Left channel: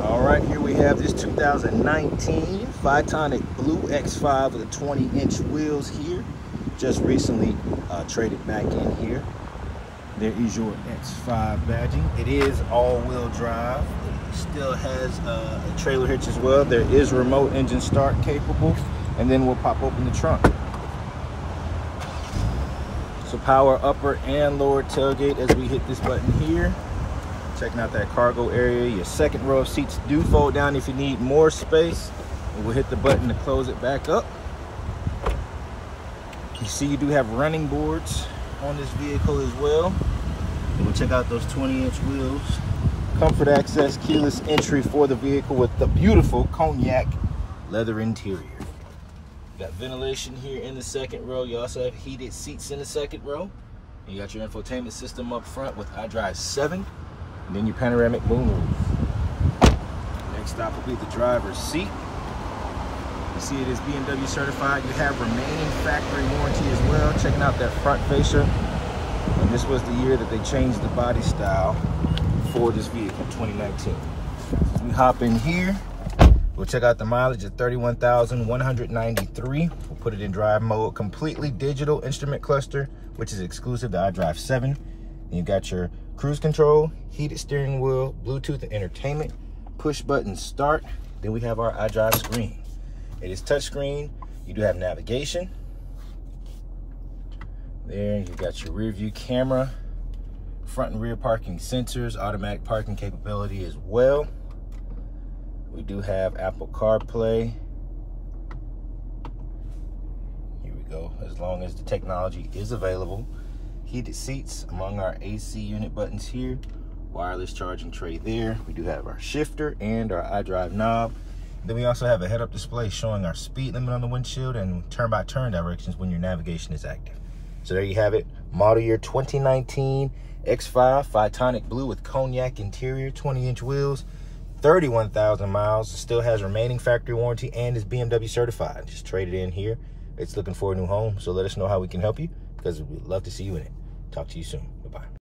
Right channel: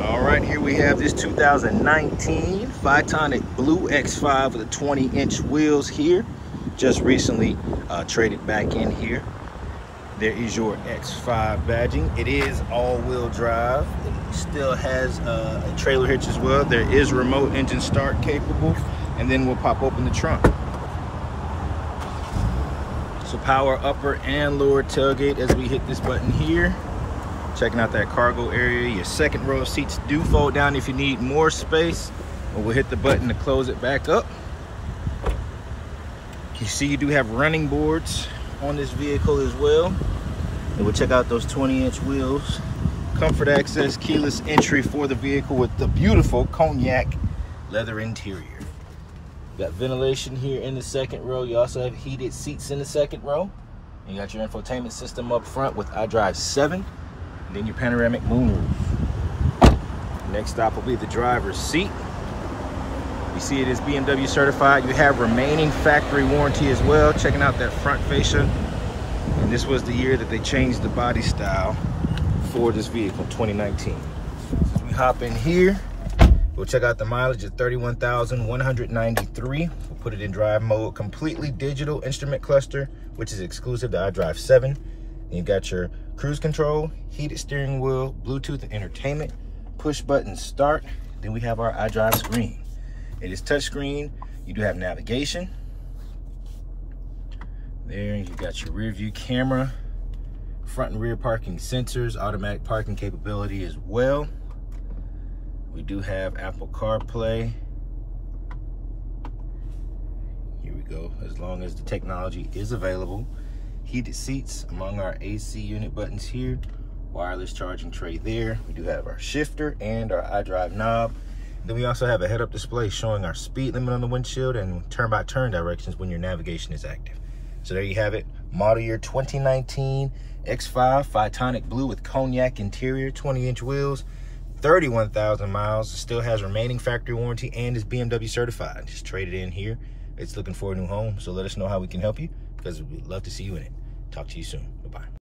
All right, here we have this 2019 Photonic Blue X5 with the 20-inch wheels here. Just recently traded back in here. There is your X5 badging. It is all-wheel drive. It still has a trailer hitch as well. There is remote engine start capable, and then we'll pop open the trunk. So power upper and lower tailgate as we hit this button here. Checking out that cargo area. Your second row of seats do fold down if you need more space. And we'll hit the button to close it back up. You see you do have running boards on this vehicle as well. And we'll check out those 20-inch wheels. Comfort access, keyless entry for the vehicle with the beautiful Cognac leather interior. You got ventilation here in the second row. You also have heated seats in the second row. You got your infotainment system up front with iDrive 7. And then your panoramic moonroof. Next stop will be the driver's seat. You see it is BMW Certified. You have remaining factory warranty as well. Checking out that front fascia. And this was the year that they changed the body style for this vehicle, 2019. So we hop in here. We'll check out the mileage at 31,193. We'll put it in drive mode. Completely digital instrument cluster, which is exclusive to iDrive 7. And you got your cruise control, heated steering wheel, Bluetooth and entertainment, push button start. Then we have our iDrive screen. It is touchscreen. You do have navigation. There you got your rear view camera, front and rear parking sensors, automatic parking capability as well. We do have Apple CarPlay. Here we go, as long as the technology is available. Heated seats among our AC unit buttons here. Wireless charging tray there. We do have our shifter and our iDrive knob. Then we also have a head-up display showing our speed limit on the windshield and turn-by-turn directions when your navigation is active. So there you have it. Model year 2019 X5 Photonic Blue with Cognac interior, 20-inch wheels, 31,000 miles. Still has remaining factory warranty and is BMW certified. Just traded in here. It's looking for a new home. So let us know how we can help you, because we'd love to see you in it. Talk to you soon. Bye-bye.